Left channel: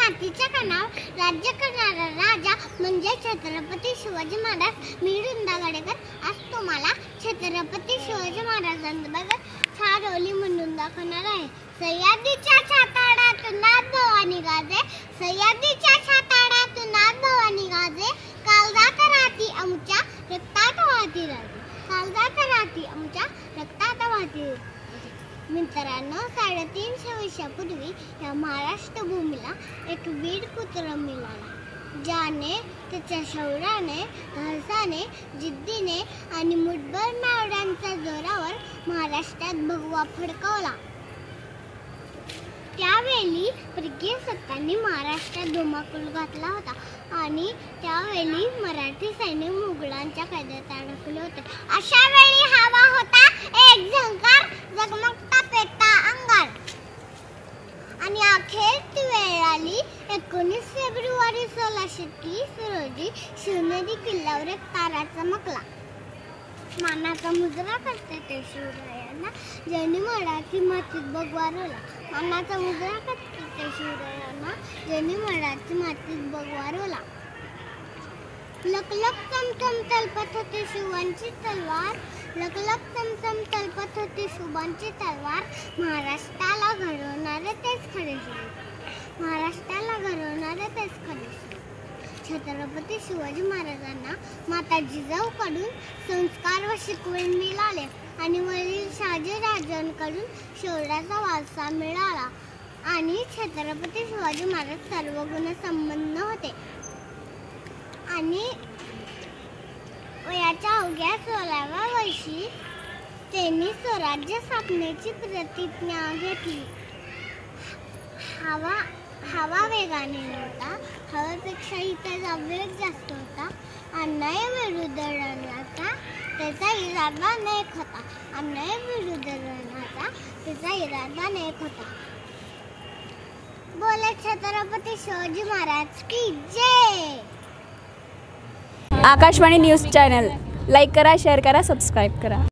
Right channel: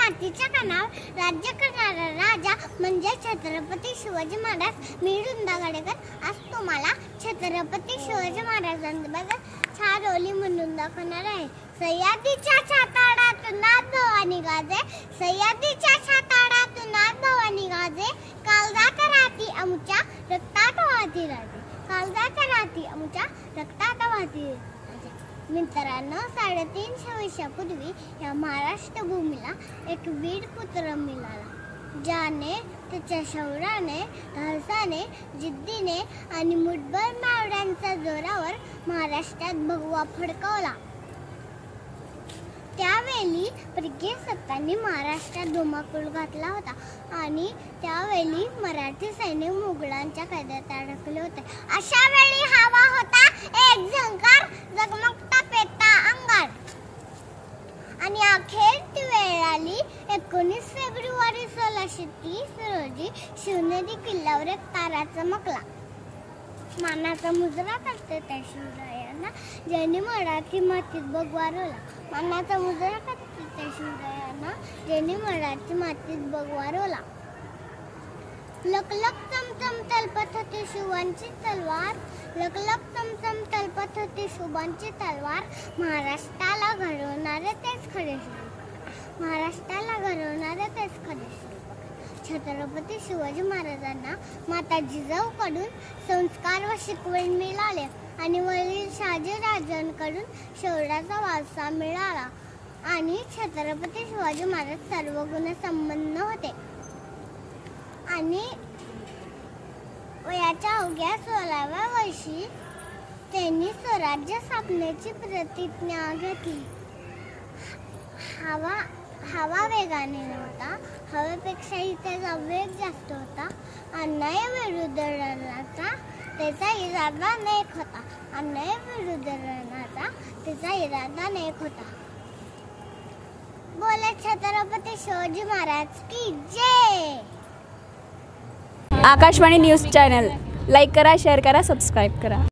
मातीच्या कणावर राज्य करणारा राजा म्हणजे छत्रपती शिवाजी महाराज। मी वृंदा गडेकर आज तुम्हाला छत्रपती शिवाजी महाराजांबद्दल छान ओळी म्हणून दाखवणार आहे। सह्याद्रीच्या छाताडातून भवानी गाजे, सह्याद्रीच्या छाताडातून भवानी गाजे, काळजात राहती आमच्या रक्तात वाहती राजे, काळजात राहती आमच्या रक्तात वाहती राजे। मित्रांनो, 350 वर्षापूर्वी या महाराष्ट्र भूमीला एक वीर पुत्र मिळाला, ज्याने त्याच्या शौर्याने, धाडसाने, जिद्दीने आणि मुठभर मावळ्यांच्या जोरावर महाराष्ट्रात भगवा फडकवला। त्यावेळी परकीय सत्तांनी महाराष्ट्रात धुमाकूळ घातला होता आणि त्यावेळी मराठी सैनिक मुघलांच्या कैदेत अडकले होते। अशा वेळी हवा होता एक झंकार, जगमगता पेटता अंगार। आणि अखेर ती वेळ आली। 19 फेब्रुवारी 1630 रोजी शिवनेरी किल्ल्यावर एक तारा चमकला। मानाचा मुजरा करते त्या शिवरायांना, ज्यांनी मराठी मातीत भगवा रोवला। मानाचा मुजरा करते त्या शिवरायांना, ज्यांनी मराठी मातीत भगवा रोवला। लखलख चमचम तलपत होती शिवांची तलवार, लखलख चमचम तलपत होती शिवांची तलवार। महाराष्ट्राला घडवणारे तेच खरे शूर, महाराष्ट्राला घडवणारे तेच खरे शूर। छत्रपती शिवाजी महाराजांना माता जिजाऊकडून संस्कार व शिकवण मिळाले आणि वडील शहाजीराजांकडून शौर्याचा वारसा मिळाला। आणि छत्रपती शिवाजी महाराज सर्वगुण संपन्न होते आणि वयाच्या अवघ्या 16व्या वर्षी त्यांनी स्वराज्य स्थापनेची प्रतिज्ञा घेतली। हवा वेगाने होता, हवेपेक्षाही त्याचा वेग जास्त होता। अन्यायाविरुद्ध लढण्याचा त्याचा इरादा नेक होता, अन्यायाविरुद्ध लढण्याचा त्याचा इरादा नेक होता। बोले छत्रपती शिवाजी महाराज की जय। आकाशवाणी न्यूज चॅनल लाईक करा, शेअर करा, सबस्क्राईब करा।